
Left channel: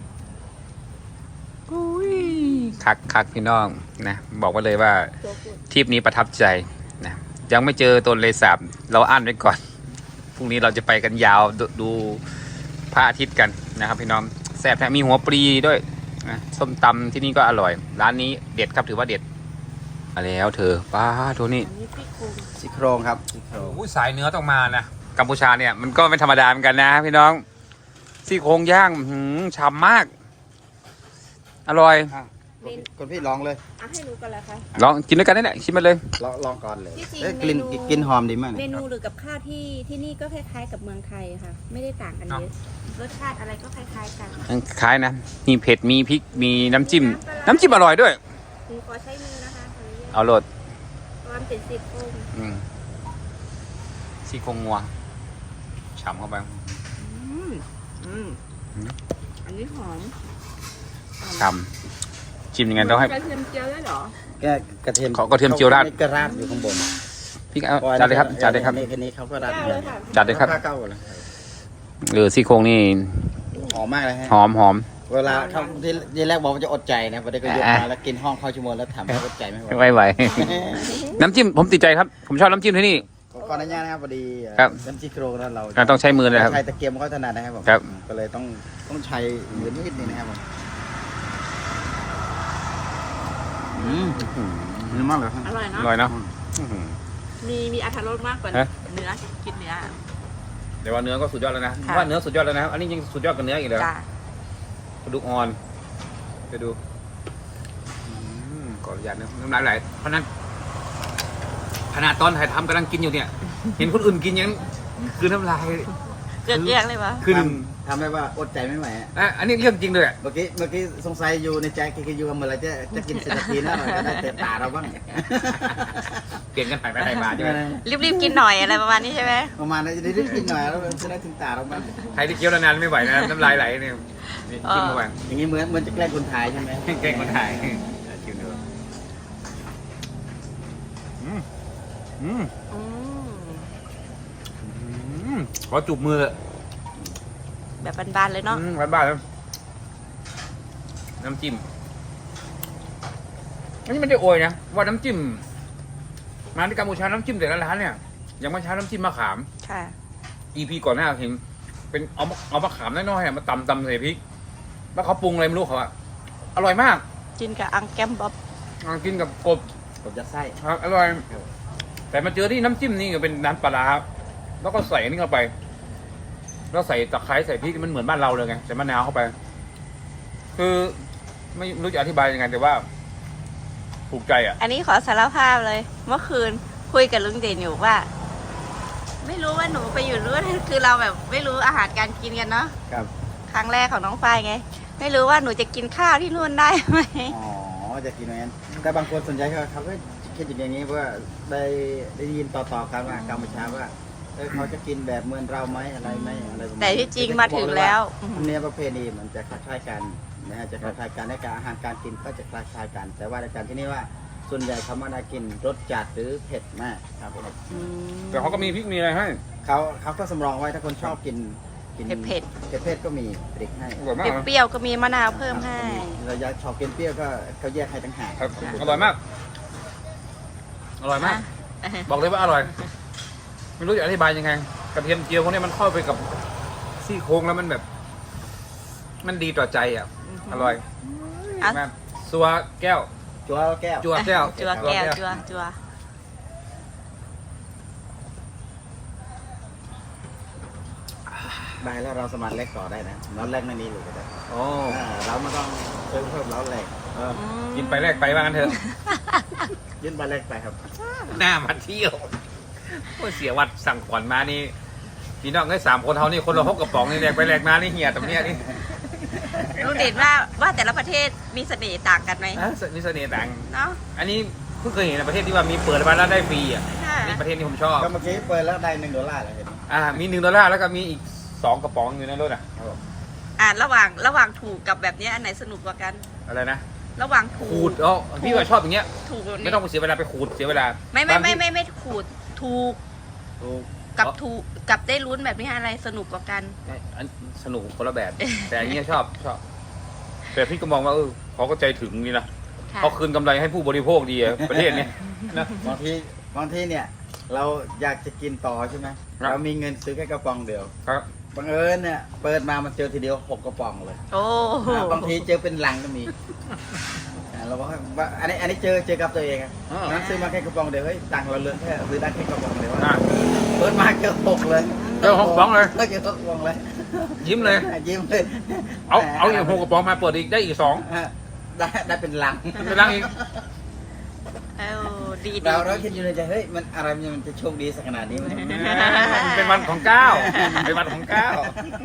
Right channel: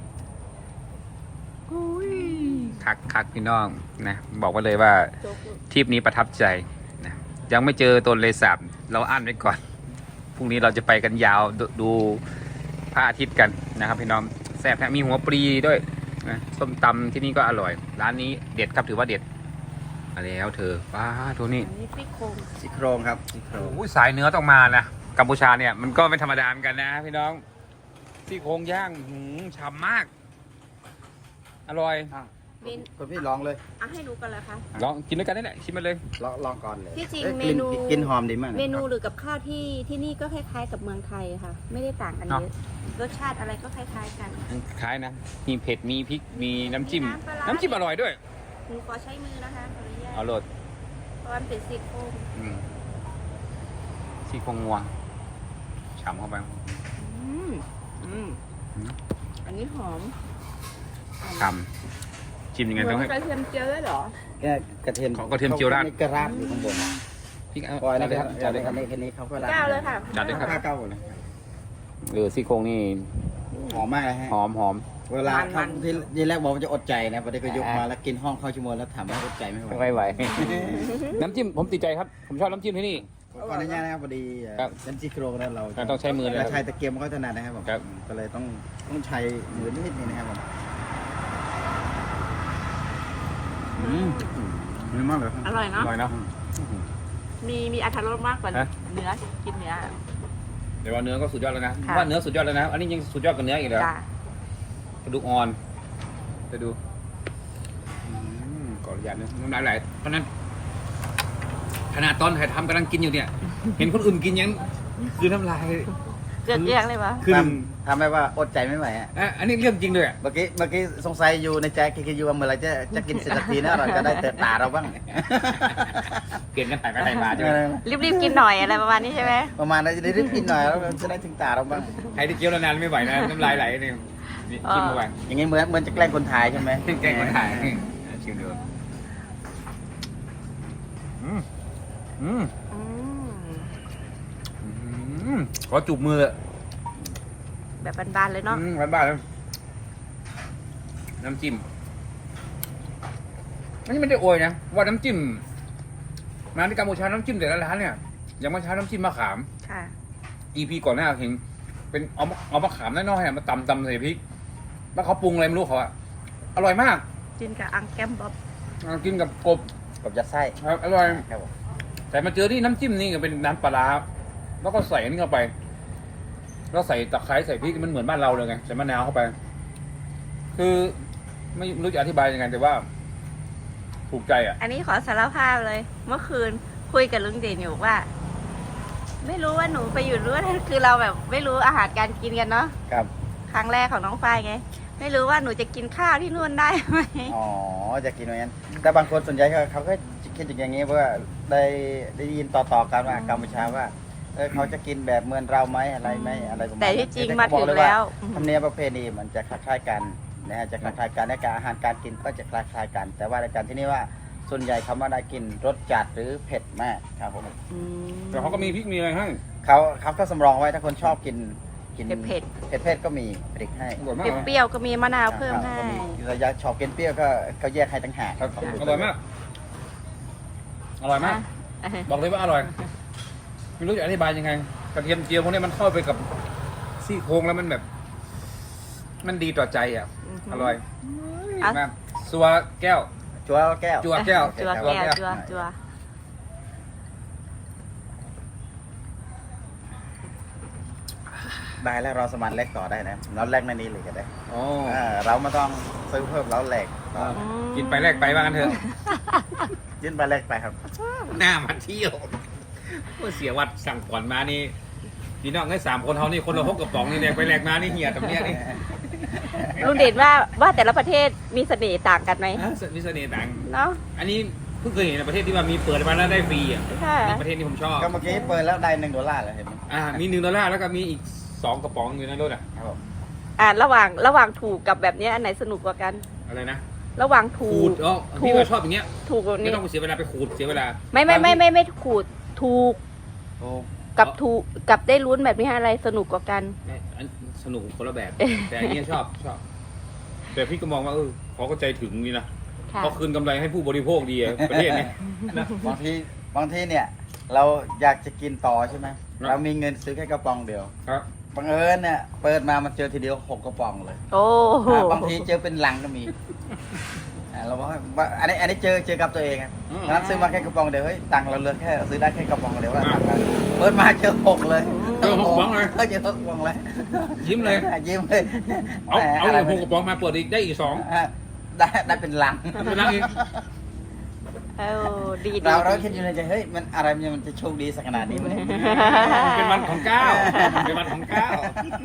อุ้ยคักคักพี่น้องนะบอกไว้เลยว่าโจ๊กทริปนี้ประทับใจนะยังไม่เจอต้นเลสาบเราอั้นไว้ก่อนพรุ่งนี้เราจะไปกันยาวดดูพระอาทิตย์กันนะครับพี่น้องแซ่บแท้มีหัวปลีด้วยนะส้มตำที่นี่ก็อร่อย ร้านนี้เด็ดครับถือว่าเด็ดมาแล้วเธอป้าตัวนี้อันนี้ซี่โครงซี่โครงครับโอ้ยสายเนื้อต้องมานะกัมพูชาเนี่ยมันก็ไม่ธรรมดาเหมือนกันนะพี่น้องซี่โครงย่างหืมฉ่ำมาก อร่อยเมนคุณพี่ลองเลยอ่ะให้หนูกันเลยค่ะลองกินด้วยกันนี่แหละชิมมาเลยลองลองก่อนเลยที่จริงอ้ยเมกลิ่นนูกลิ่นหอมดีมากเลยเมนูหรือกับข้าวที่ที่นี่ก็คล้ายๆกับเมืองไทยค่ะ ไม่ได้ต่างกันเยอะรสชาติอะไรก็คล้ายๆกันคล้ายนะมีเผ็ดมีพริกมีน้ำจิ้มมีน้ำปลาร้าน้ำจิ้มอร่อยด้วยหนูขอใช้มือนะคะขออนุญาตเอาโหลดเพราะมันเป็นซี่โครงอืมซี่โครงงัวฉ่ำเข้าไปอืมอืมอืมอันนี้หอมฉ่ำจิ้มยังไงต้องให้กระเทียมเจียวด้วยเหรอแกกระเทียมขอกระเทียมเจียวราดกระราดอยู่ข้างบนพี่เอาจัดเลยครับจัดเลยครับนี่แค่นี้เขาก็ราดเก้าเลยค่ะจัดเลยครับข้าวเก้าเลยเออซี่โครงนี่หอมมากเลยฮะหอมหอมเวลาทำที่ที่แรกบอกว่าจะอดใจนะพอได้ก็ยกมาแล้วกินห้องเข้าชั่วโมงแล้วทำให้อดใจไม่ไหวไม่ไหว น้ำจิ้มผมติดใจครับ ผมชอบน้ำจิ้มที่นี่ขออนุญาตนะครับพอดีครับเป็นซี่โครงแล้วเราอ่ะต้องใช้มือเลยครับใช้ตะเกียบเขาถนัดนะครับผมครับก็เลยต้องต้องใช้มือนิดนึงนะครับผมอืมดีมากเลยครับอร่อยอเนาะร่อยเนาะมีมีอรรถรสมากกว่าฮะเนื้อกินเนื้อเดี๋ยวว่าเนื้อก็สุดยอดแล้วนะค่ะว่าเนื้อสุดยอดแล้วนะ อันนี้ยังสุดยอดกว่าเนื้ออีกเหรอจ้ากระดูกอ่อนไปดูอืมขออนุญาตนะน้ำลายไหลเพราะฉะนั้นขนาดตอนถ่ายทำกำลังกินอยู่เนี่ย เห็นคนอื่นกินยังคือน้ำลายเกือบแยกเลยวะคือหนึ่งทำให้ว่าอดใจไม่ไหวฮะอ่ะอันนี้เรื่องจริงเลยอะเมื่อกี้เมื่อกี้สงสัยอยู่ในใจคิดอยู่ว่าเมื่อไหรจะจะกินเสร็จสักทีนะเราจะได้เตะตาเราบ้างเปลี่ยนกันไปไปไปมาใช่ไหมรีบๆกินหน่อยอะไรประมาณนี้ใช่ไหมประมาณนั้นจะได้รีบกินหน่อยแล้วมันจะได้ถึงตาเราบ้างใครที่เคี้ยวนานๆไม่ไหวนะ น้ำลายไหลเนี่ยนี่ขึ้นมาบ้างอย่างงี้เหมือนเหมือนจะแกล้งคนถ่ายใช่ไหมแกล้งคนถ่ายอ่ะชิมดูอืมอืมอืมอืมขอจูบมือเลยแบบบานๆเลยเนาะอืมบ้านๆแล้วน้ำจิ้มอันนี้ไม่ได้โอยนะว่าน้ำจิ้มมาที่กัมพูชาน้ำจิ้มแต่ละร้านเนี่ยยังไม่ใช้น้ำจิ้มมะขามค่ะอีพีก่อนหน้าเห็นเป็นเอามะเอามะขามน้อยๆอะมาตำตำใส่พริกแล้วเขาปรุงอะไรไม่รู้เขาอะอร่อยมากกินกับอังแก้มบ๊อบอ่ากินกับกบกับยัดไส้ครับอร่อย แต่มาเจอที่น้ำจิ้มนี่ก็เป็นน้ำปลาร้าแล้วก็ใส่อันนี้เข้าไปแล้วใส่ตะไคร้ใส่พริกมันเหมือนบ้านเราเลยไงใส่มะนาวเข้าไป คือไม่รู้จะอธิบายยังไงแต่ว่าถูกใจอ่ะอันนี้ขอสารภาพเลย เมื่อคืนคุยกับลุงเด่นอยู่ว่า ไม่รู้ว่าหนูไปอยู่รู้นคือเราแบบไม่รู้อาหารการกินกันเนาะครับครั้งแรกของน้องฝ้ายไง ไม่รู้ว่าหนูจะกินข้าวที่นู่นได้ไหมอ๋อจะกินอย่างนั้นแต่บางคนส่วนใหญ่เขาเขาก็คิดอย่างนี้เพราะว่าได้ได้ยินต่อๆกันว่ากัมพูชาว่าเออเขาจะกินแบบเหมือนเราไหมอะไรไหมอะไรประมาณแต่ที่จริงมาถึงแล้วธรรมเนียมประเพณีมันจะคล้ายๆกันนะฮะจะคล้ายๆกันในการอาหารการกินก็จะคล้ายๆกัน แต่ว่าในการที่นี่ว่าส่วนใหญ่เขามาได้กินรสจัดหรือเผ็ดมากครับผมอืมแต่เขาก็มีพริกมีอะไรให้เขาเขาก็สำรองไว้ถ้าคนชอบกินกินเผ็ดเผ็ดๆก็มีพริกให้อร่อยมากนะเปรี้ยวๆก็มีมะนาวเพิ่มให้เราอยากชอบกินเปรี้ยวก็ก็แยกให้ต่างหากครับอร่อยมาก อร่อยมากอ่ะบอกเลยว่าอร่อย ไม่รู้จะอธิบายยังไงกระเทียมเจียวพวกนี้มันเข้าไปกับซี่โครงแล้วมันแบบ มันดีต่อใจอ่ะ อร่อยอ่ะมากสัวแก้วจัวแก้วจัวแก้วจัวแก้วจัวจัวได้แล้วเราสมัครแลกต่อได้นะเราแลกในนี้เลยก็ได้โอ้เออเราไม่ต้องซื้อเพิ่มเราแลกเออกินไปแลกไปว่างั้นเถอะยื่นไปแลกไปครับหน้ามาเที่ยวโอ้ยเสียวัดสั่งก่อนมานี่พี่น้องได้สามคนเท่านี่คนละหกกระป๋องนี่แลกไปแลกมานี่เหี่ยตรงเนี้ยนี่ลุงเด่นว่าว่าแต่ละประเทศมีเสน่ห์ต่างกันไหมอ่ะมีเสน่ห์ต่างเนาะอันนี้เพิ่งเคยเห็นในประเทศที่ว่ามีเปิดมาแล้วได้ฟรีอ่ะค่ะนี่ประเทศนี้ผมชอบก็เมื่อกี้เปิดแล้วได้หนึ่งดอลลาร์เลยเห็นไหมอ่ามีหนึ่งดอลลาร์แล้วก็มีอีกสองกระป๋องอยู่ในรถอ่ะครับผมอ่าระหว่างระหว่างถูกกับแบบเนี้ยอันไหนสนุกกว่ากันอะไรนะระหว่างถูขูกดอ๋อพี่ว่าชอบอย่างเงี้ยถูกแบบไม่นี้ต้องไปเสียเวลาไปขูดเสียเวลาไม่ไม่ไม่บางทีไม่ไม่ขูดถูกถูกกับถูกกับได้ลุ้นแบบนี้อะไรสนุกกว่ากันอันสนุกคนละแบบ แต่อันเนี้ยชอบชอบแต่พี่ก็มองว่าเออเขาก็ใจถึงนี่นะค่ะเขาคืนกำไรให้ผู้บริโภคดีอะประเทศนี้นะบางทีบางทีเนี่ย เราอยากจะกินต่อใช่ไหมครับเรามีเงินซื้อแค่กระป๋องเดียวครับบังเอิญเนี่ยเปิดมามันเจอทีเดียวหกกระป๋องเลยโอ้โหอ่าบางทีเจอเป็นลังก็มีอ่าเราบอกว่าอันนี้อันนี้เจอเจอกับตัวเองครับนั้นซื้อมาแค่กระป๋องเดียวเฮ้ยตังค์เราเหลือแค่ซื้อได้แค่กระป๋องเดียวว่าเปิดมาเจอหกเลยเจอหกกระป๋องเลยเจอหกกระป๋องเลยยิ้มเลยยิ้มเลยเอาเอาอีกหกกระป๋องมาเปิดอีกได้อีกสองอ่ะได้ได้เป็นลังเป็นลังอีกเออดีดีเราเราคิดอยู่ในใจเฮ้ยมันอะไรมันจะโชคดีสักขนาดนี้มันเป็นวันของเก้าเป็นวันของเก้า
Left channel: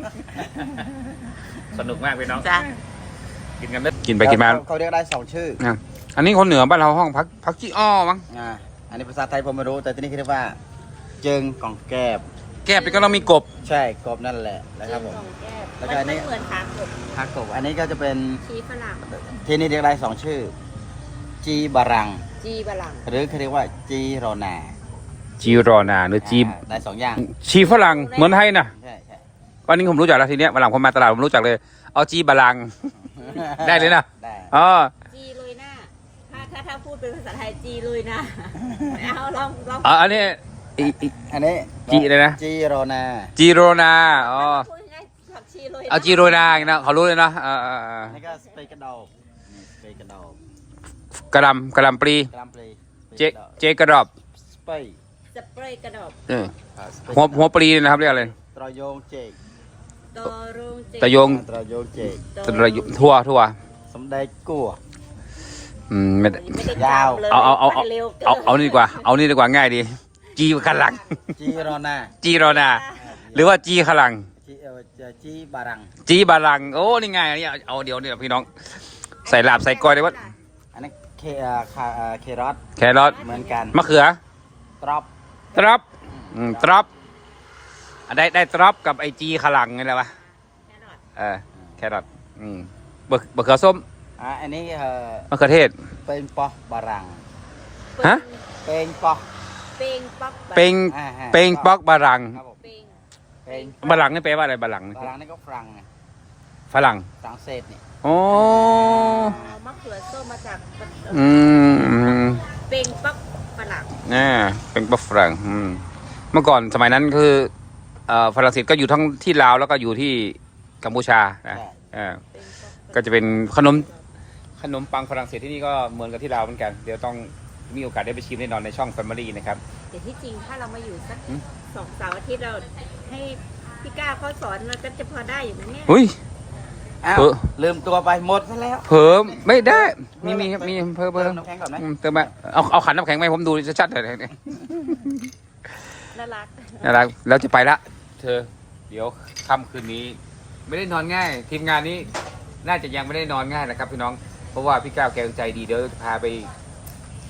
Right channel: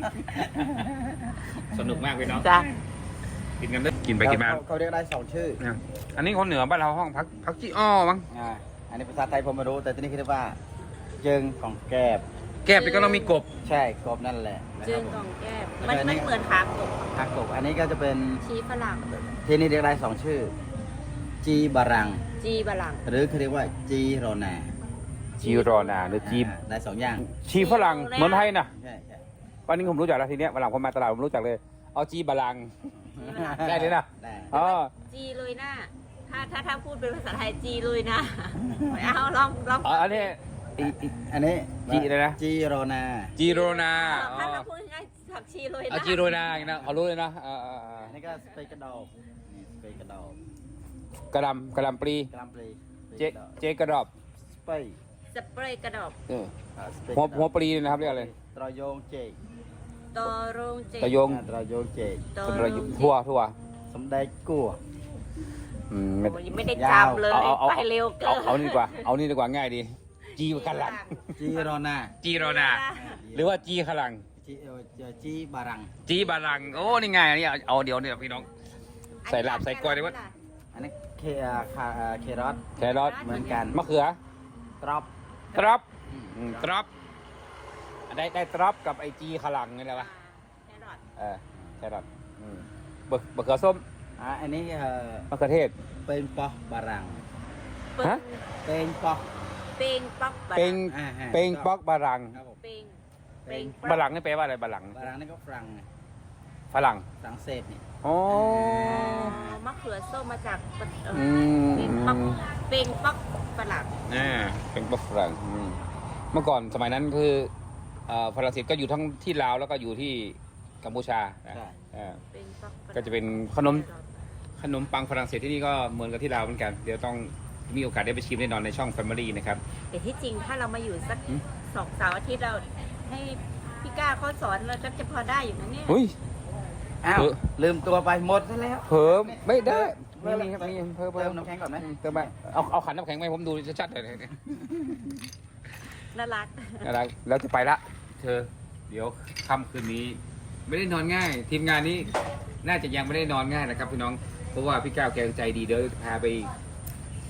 สนุกมากพี่น้องจ้ะกินกันได้กินไปกินมาเขาเรียกได้สองชื่ออ่ะอันนี้คนเหนือบ้านเราห้องพักพักจี้อ้อมั้งอ่าอันนี้ภาษาไทยผมไม่รู้แต่ที่นี่คือเรียกว่า เจิงของแกบแก้ไปก็เรามีกบใช่กบนั่นแหละนะครับผมมันแล้วก็อันนี้เหมือนหางกบผักกบอันนี้ก็จะเป็นชีฝรั่งที่นี่เรียกได้สองชื่อ จีบารังจีฝรั่งหรือเขาเรียกว่าจีโรนาจีรอนาหรือจีอ่าได้สองอย่างชีฝรั่งเหมือนไทยนะใช่ใช่วันนี้ผมรู้จักแล้วทีเนี้ยวันหลังผมมาตลาดผมรู้จักเลย เอาจีบาลัง ได้เลยนะได้อ๋อจีลุยหน้า ถ้าถ้าถ้าพูดเป็นภาษาไทยจีลุยหน้าเอาลองลองอ๋ออันนี้อีอีอันนี้จีเลยนะจีโรนาจีโรนาอ๋อพูดง่ายๆผักชีลุยหน้เอาจีโรนาอย่างนี้นะเขารู้เลยนะอ่าอ่าอ่าอันนี้ก็สเปกกระดอลสเปกกระดอลกระหลำกระหลำปลีกรามปรีเจเจกระดอบสเปย์สเปรย์กระดอบเออหัวหัวปลีนะครับเรียกอะไรตรโยงเจกตอรงเจตะโยงตรโยงเจกตะโยงทั่วทั่วสมเด็จกัวอืมไม่ได้ไม่ได้จำเลยเอาเอาเอาเอาไปเร็วกินเอาเอานี่ดีกว่า เอานี่ดีกว่าง่ายดี จีขลังจีโรนาจีโรนา หรือว่าจีขลังจีเออจีบารังจีบาลัง โอ้นี่ง่ายอันนี้เอาเดี๋ยวเนี่ยพี่น้อง ใส่ลาบใส่กล้อยได้ว่าอันนี้เคอ่าคาอ่าเครอทแครอทเหมือนกันมะเขือตรอบตรับอืมตรับอ่ะได้ได้ตรับกับไอจีขลังไงล่ะวะแครอทเออแครอทอืมบะบะเขือส้มอ่าอันนี้เอ่อมะเขือเทศเป็นปอบารังฮะเป็นปอเป้งป๊อกเป็งอ่าฮะเป็งป๊อกบารังครับผมเป้งเป็นบารังนี่แปลว่าอะไรบารังนี่บารังนี่ก็ฝรั่งไงฝรั่งฝรั่งเศสนี่โอ้เอามะเขือส้มมาจากอืมเป้งป๊อกฝรั่งอ่าเป็นป๊อกฝรั่งอืมเมื่อก่อนสมัยนั้นคือเอ่อฝรั่งเศสก็อยู่ทั้งที่ลาวแล้วก็อยู่ที่กัมพูชานะอ่าเป้งป๊อกก็จะเป็นขนมขนมปังฝรั่งเศสที่นี่ก็เหมือนกับที่ลาวเหมือนกัน เดี๋ยวต้องมีโอกาสได้ไปชิมแน่นอนในช่อง Family นะครับแต่ที่จริงถ้าเรามาอยู่สักอืมสองสามอาทิตย์เราให้พี่ก้าเขาสอนเราก็จะพอได้อยู่นะเนี่ยอุ้ยอ้าวเออลืมตัวไปหมดซะแล้วเพิ่มไม่ได้มีมีครับมีเพิ่มเติเพิ่มมน้ำแข็งก่อนไหมอืมเติมมาเอาเอาขันน้ำแข็งมาให้ผมดูชัดๆหน่อยเนี่ยน่ารักนะครับแล้วจะไปละเธอ เดี๋ยวค่ำคืนนี้ ไม่ได้นอนง่าย ทีมงานนี้น่าจะยังไม่ได้นอนง่ายนะครับพี่น้องเพราะว่าพี่ก้าวแกใจดีเดี๋ยวจะพาไป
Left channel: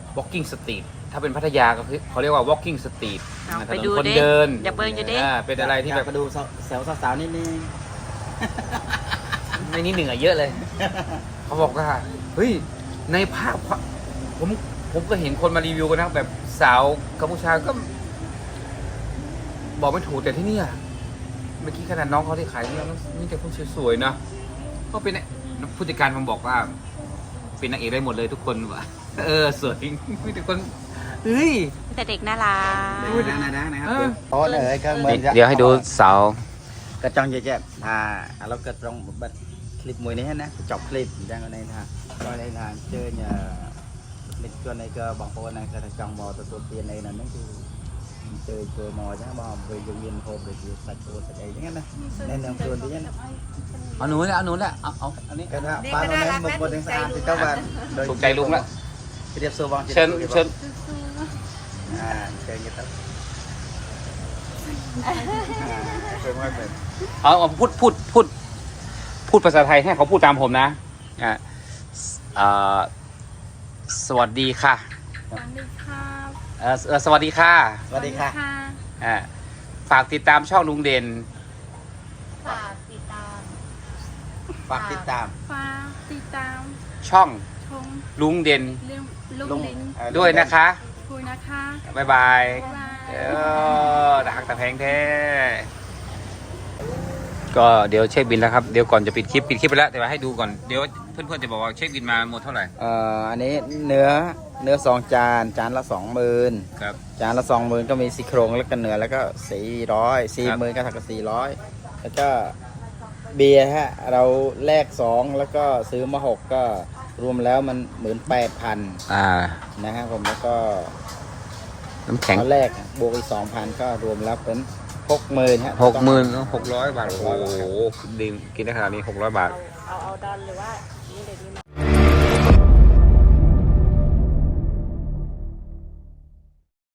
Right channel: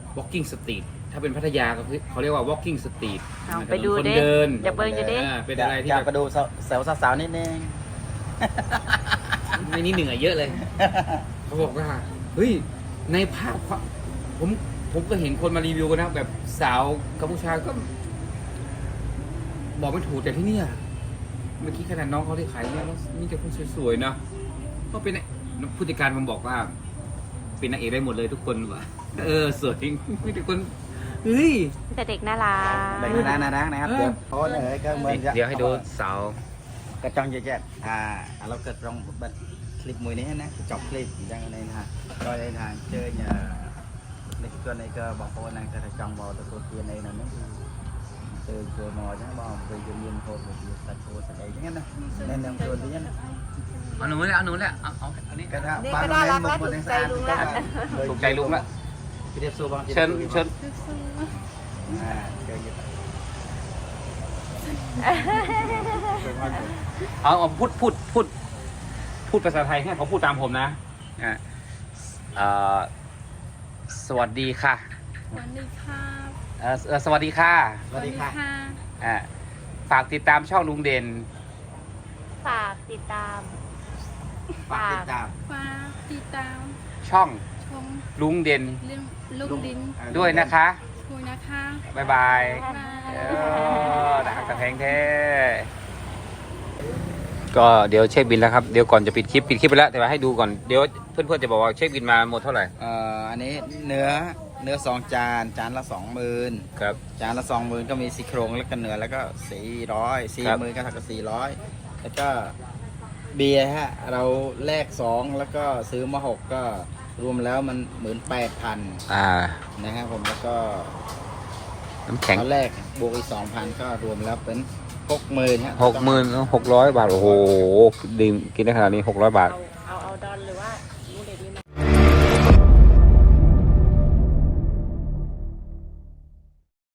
walking street ถ้าเป็นพัทยาก็คือเขาเรียกว่า walking street เอาถนนไปดูคนดิเดินอยากเบิ่งอยู่ดิอ่าเป็นอะไรที่อยาแบกบไปดูแซวสาวๆนิดนึงในนี้เหนือเยอะเลย เขาบอกว่าเฮ้ยในภาพผมผมก็เห็นคนมารีวิวกันนะแบบสาวกัมพูชาก็ บอกไม่ถูกแต่ที่เนี่ยเมื่อกี้ขนาดน้องเขาที่ขายเนี่ยนี่แต่คนสวยๆนะก็เป็นผู้จัดการผมบอกว่า เป็นนางเอกได้หมดเลยทุกคนว่ะเออสวยมีแต่คนเฮ้ยแต่เด็กน่ารักไปดูนะนะนะนะครับเออเดี๋ยวโอ้เอ๋ยก็เหมือนกับเดี๋ยวให้ดูสาวกระจองเจ๊ๆอ่าเราเกิดลองบัดคลิปมวยนี้นะจบคลิปยังอะไรนะก็ในงานเจอเนี่ยเด็กตัวในก็บอกว่าในกระจองมอตัวตัวเตียนในนั้นนี่คือเจอเจอมอใช่ไหมบอกไปยืนโทรไปยืนตัดตัวตัดอะไรอย่างเงี้ยนะในเรื่องตัวนี้นะเอาหนูแหละเอาหนูแหละเอาเอาอันนี้นี่ก็น่ารักนะถูกใจลุงแล้วนะถูกใจลุงละเรียบโซบองเชิญเชิญอ่าเชิญกันเชิญว่าเชิญเอาเอาพูดพูดพูดพูดภาษาไทยให้เขาพูดตามผมนะอ่าเอ่อสวัสดีค่ะสวัสดีครับเอ่อเอ่อสวัสดีค่ะสวัสดีค่ะอ่าฝากติดตามช่องลุงเด่นฝากติดตามฝากติดตามฟ้าติดตามช่องชมลุงเด่นเรื่องลูกดินด้วยนะคะคุยนะคะบ๊ายบายบายเออตะหักตะแพงแท้ ก็เดี๋ยวเช็คบินแล้วครับ เดี๋ยวก่อนจะปิดคลิป ปิดคลิปไปแล้ว แต่ว่าให้ดูก่อน เดี๋ยวเพื่อนๆจะบอกว่าเช็คบินมาหมดเท่าไหร่เอ่ออันนี้เนื้อเนื้อสองจานจานละสองหมื่นครับจานละสองหมื่นก็มีซี่โครงแล้วก็เนื้อแล้วก็สี่ร้อยสี่ครับหมื่นก็เท่ากับสี่ร้อยแล้วก็เบียร์ฮะเราแลกสองแล้วก็ซื้อมาหกก็รวมแล้วมันหมื่นแปดพันอ่านะฮะผมแล้วก็น้ำแข็งตอนแรกบวกอีกสองพันก็รวมแล้วเป็นหกหมื่นฮะหกหมื่นหกร้อยบาท โอ้โหดื่มกินได้ขนาดนี้หกร้อยบาทเอาเอาเอาดอนหรือว่า